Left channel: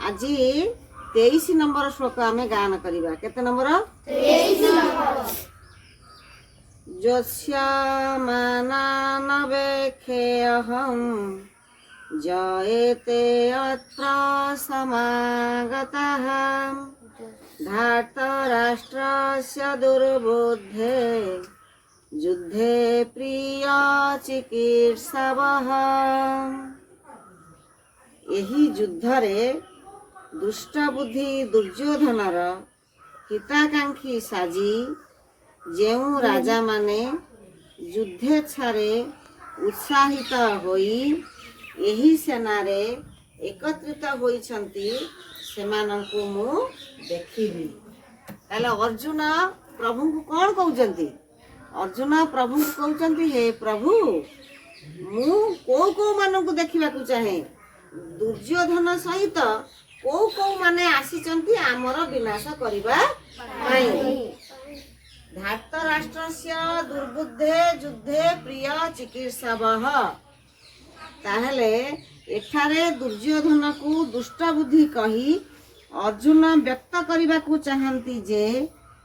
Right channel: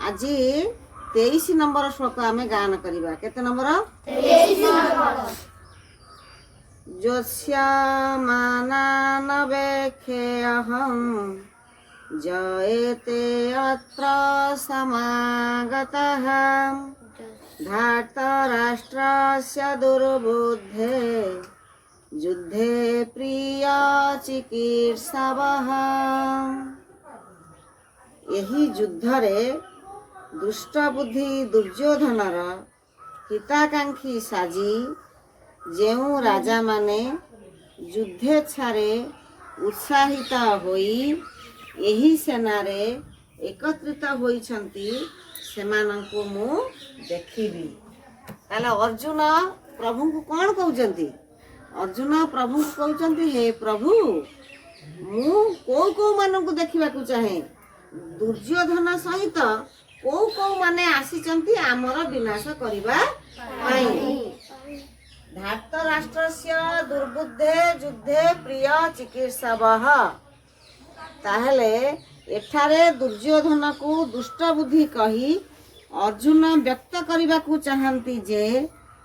आज 23 नंबर श्लोक आम गान करवा केते नंबर जोस्यामानानवेक्षेऽहं जयते अत्र समागतः धार्तराष्ट्रस्य दुर्बुद्धे युद्धे प्रिय चिकीर्षवः। यही युद्धरे दुष्ट बुद्धि दुर्योधनर हिताकांक्षी साजी जेउ राजा माने युद्धेच्छारे उत्साहित होई यही सेनारे एकत्रित होइछंती सेमानंकु मु देखिबी। ताला अर्जुन प्रभु को कौन कहउचंती? अर्जुन प्रभु को कहउचंती हे प्रभु मु को मानकु देखिबा को चाहे दुर्योधन सहित को माने आसीचंती आमर विनाश करिबा पई। धार्तराष्ट्रस्य दुर्बुद्धे युद्धे प्रिय चिकीर्षवः। ताहले एठारे दुर्योधन को दुष्ट बुद्धि कही अर्जुन व्यक्त करने को चाहती जे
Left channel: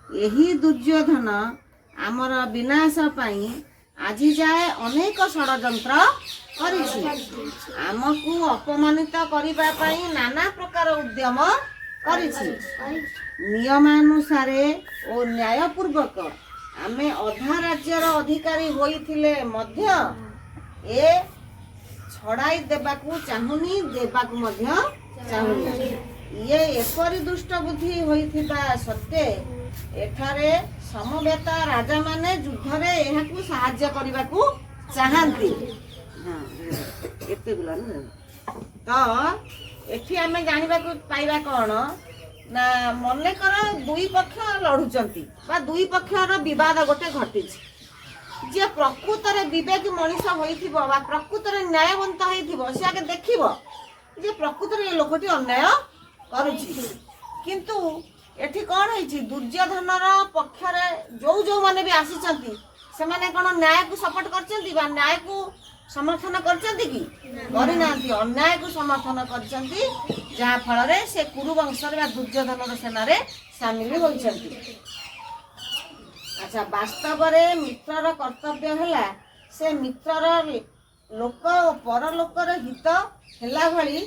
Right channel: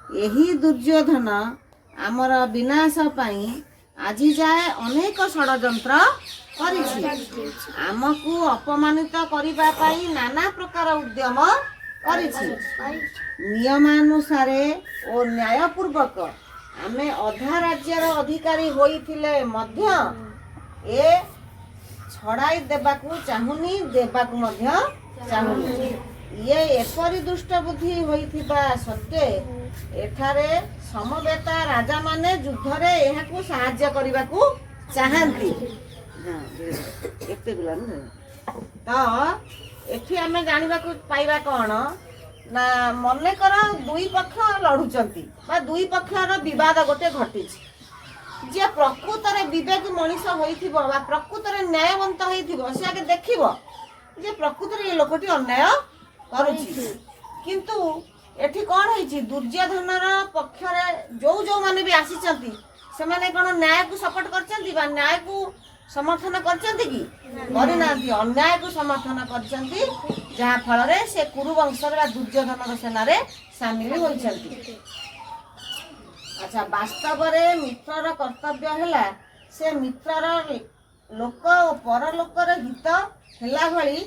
यही दुर्योधन आमर विनाश पाई आज जाए अनेक षड्यंत्र करिछि आमको अपमानित करबा पाई नाना प्रकार उद्यम करिछि। नियमानुसारे और न्यायपूर्वक आमे अधा राज्यर अधिकारी होइथिले मध्य ए छड़ाई देबाकू चाहुनी देबाकू मध्य चाहुनी। ये एपरी दुष्ट बुद्धि होइथिबा सत्ते एठारे समवेत राजा माने युद्धरे एहाकू सहाय्य करबाकू चाहंती। तो एठी आमे जानिबाकू पाइबा कोन ना मने कर दुई पक्ष लढुचंती बा दुई पक्षर विवाद गोटे घटिछि जे प्रकृतरे विवेक मनीष होइथिबो बा प्रकृतरे न्यायवंत होइथिबो से आगे देखिबो जे प्रकृतरे ये लोकटी अन्याय करूछि। किंतु एठी कोन होइछि दुर्योधनर पक्षरे जो माने भी आसीचंती से माने कोन न्याय को सपोर्ट करचंती बा न्याय को समर्थन करचंती कि करि नांती अन्याय को समर्थन करचंती जहा फल रे से कुरुवंशर बा दुर्योधनर सेनारे शामिल होइचंती। अच्छा वास्तव रे मित्रर कर्तव्य हैला से मित्रर लोक और परलोक रे हित हैला भली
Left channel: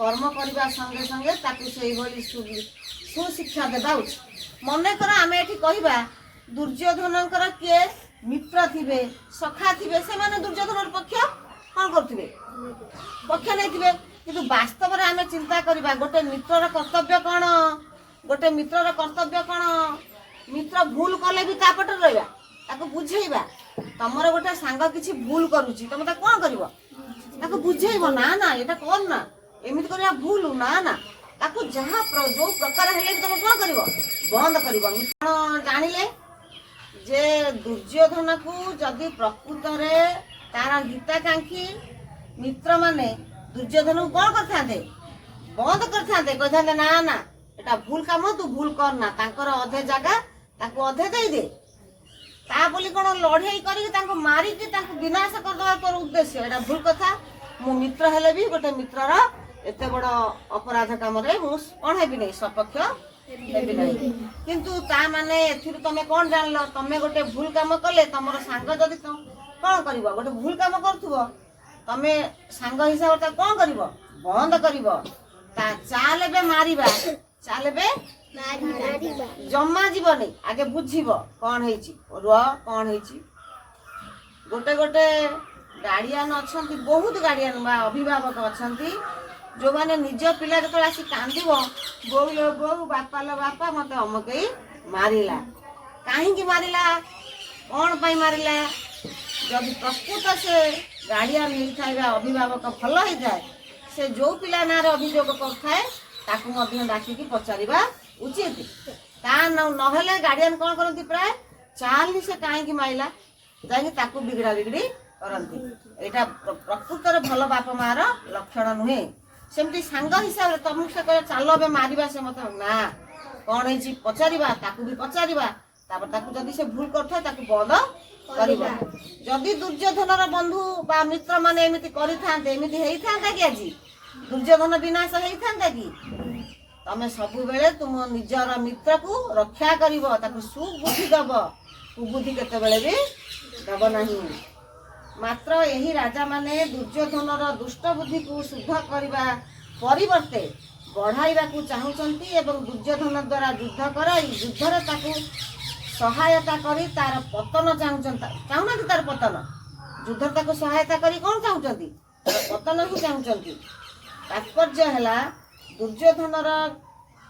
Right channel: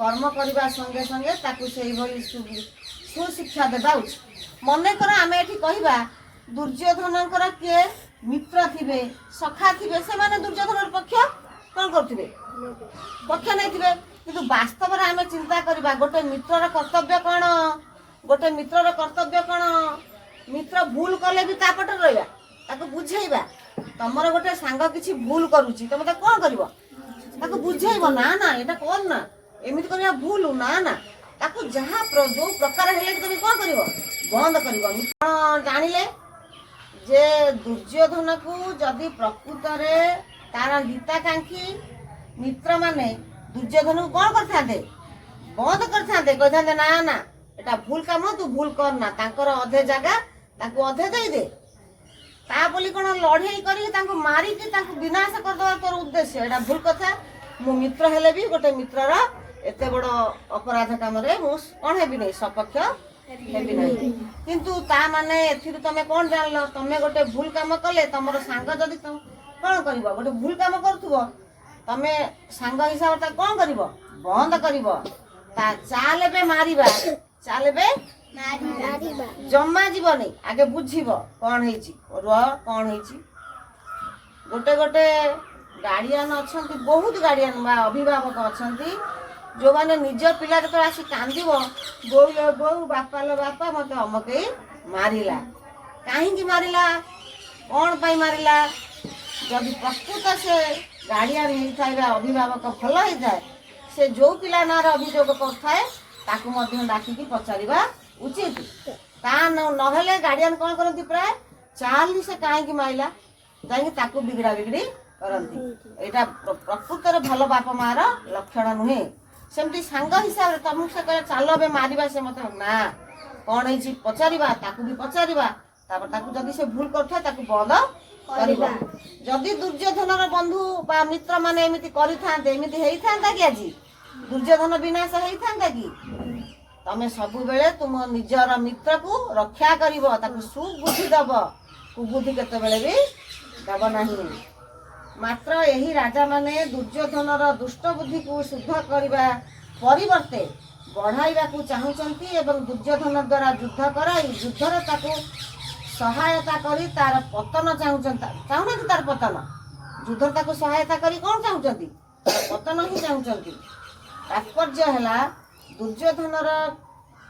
कर्म करबा संगे संगे ताकू सेही भली सुशिक्षा देबा उचित। मने कर आमे एठी कहिबा दुर्योधनकर के मित्र थिबे सखा थिबे से माने दुर्योधनर पक्ष कोन करथिबे पक्ष नै थिबे किंतु वास्तव रे आमे चिंता करबा गोटे मित्रर कर्तव्य कोन गोटे मित्रर कर्तव्य कोन मित्र भूल कले भी तापट रहिबा ताको बुझेइबा। तमर गोटे सांग किछि भूल करूची तमे ता कोन करबो ताको बुझेइबो ना ना एटा कोन ना एमित करिया भूल ना ना ताको जहा जो प्रकार हेले तमे कोन करबो बंद करबो। मित्र जानिले जे दुर्योधन को जदि प्रकृत रे तार हिताकांक्षी मित्र माने दुर्योधन को कोन करथांते बंद करथांते कहथांते ना ना एटा भूल काम तू भूल करना तांकर अधे जगह ताको अधे दे दे ता बोली कोन लड़ाई करी ताको मारी कि ताको विनाश कर दवा तोर उद्देश्य एटा भूल कथा। मु मित्र हेले भी गोटे मित्रर एते बड़ अपराध काम रे मु कोन हेबी नै सपक्ष हेबी नै। किंतु ता माने एथिर तमे कोन जानलो तमे गोटे भूल काम कले तमर सांग जदी कोन करबो गोटे भूल काम करथुबो तमे सांग हिसाब ता कोन करबो बंद करबो ता चालबे मारिबा चालबे जम्मा जीवनी आगे बुझीब कौन है कौन है गोटे गोटे गार्डियन अच्छा बहुत गार्डियन बा अभिभावक अच्छा जो मैंने निज पिला जो आसी कांद बो लो बो बापा लो बापा मत अमक मारिला कहीं मारिला कौन पाई मारिला जब प्रकृत से गार्डियन होता है अभिभावक भल होता है से जो पिला ना अभियोग करए डाकिकी पचारिबा उचित ता नहेले गार्डियन कौन करती प्राय चाली से कहीं माइला जाकि ताकू बिगड़ा बिगड़ी करती एटा प्रकृत भल बाप मार लक्षण नुहे। सेमती सांग हिसाब से तुमको से कह चल ए मारिबा से मत ना कौन है पचारिबा ताकू भी पचारिबा तापर ताकू जदी से भूल करथाय ताकू बंद करबा। जदी दुर्योधनर बंधु बा मित्र माने एमिति करिथांते एमिति हेइथांता कि आज दुर्योधन विनाश हेइथांता कि तमें सबु बेले तुम निजर मित्र को रक्षा करिवो ताकु सुबुद्धि दब कुबुद्धि केते बेले भी दब नाही। मात्र यही राजा माने दुर्योधनर दुष्ट बुद्धि को शुद्ध करने परिवर्ते बढ़ाइबा को चाहूचंती एवं दुर्योधन द्वारा युद्ध कराई युद्धरे ताकू सहायता करी तार पतन चाहूना तार पतन युद्ध ताकू सहायता करी कौन चाहूचंती तार पतन ही चाहूचंती। तात्पर्य है दुर्योधनर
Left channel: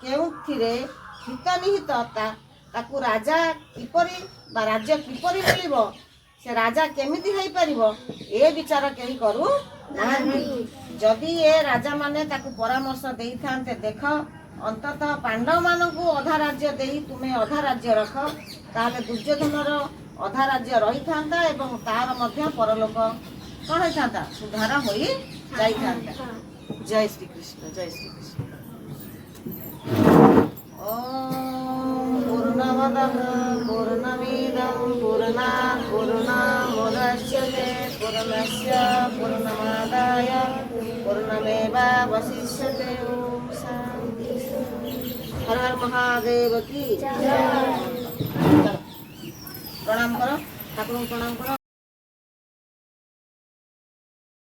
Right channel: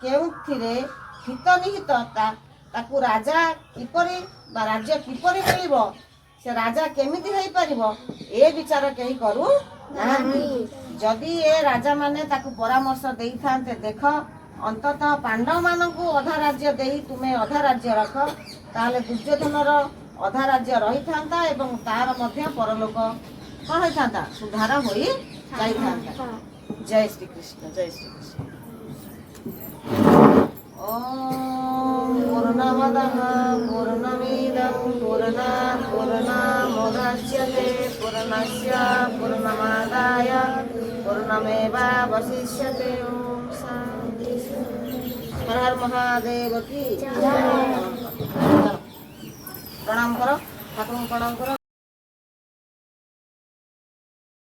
केउथिरे हित निहित ताकू राजा किपरि बा राज्य किपरि मिलिबो से राजा केमिति होई परिबो ए विचार केही करू नाहंती। जदि ए राजा माने ताकू परामर्श देई थांते देख अंततः पांडव मानकू अधा राज्य देई तुमे अधा राज्य रख ताले दुर्योधनर अधा राज्य रही थांता एवं तार मध्य परलोक कौन होई थांता सुधार होई जाई थांता। जय श्री कृष्ण जय श्री कृष्ण। ओम पूर्णमदः पूर्णमिदं पूर्णात् पूर्णमुदच्यते पूर्णस्य पूर्णमादाय पूर्णमेवावशिष्यते। ओम शांति। हर हर महादेव की जय। प्रणाम करो ठाकुर प्रणाम करो।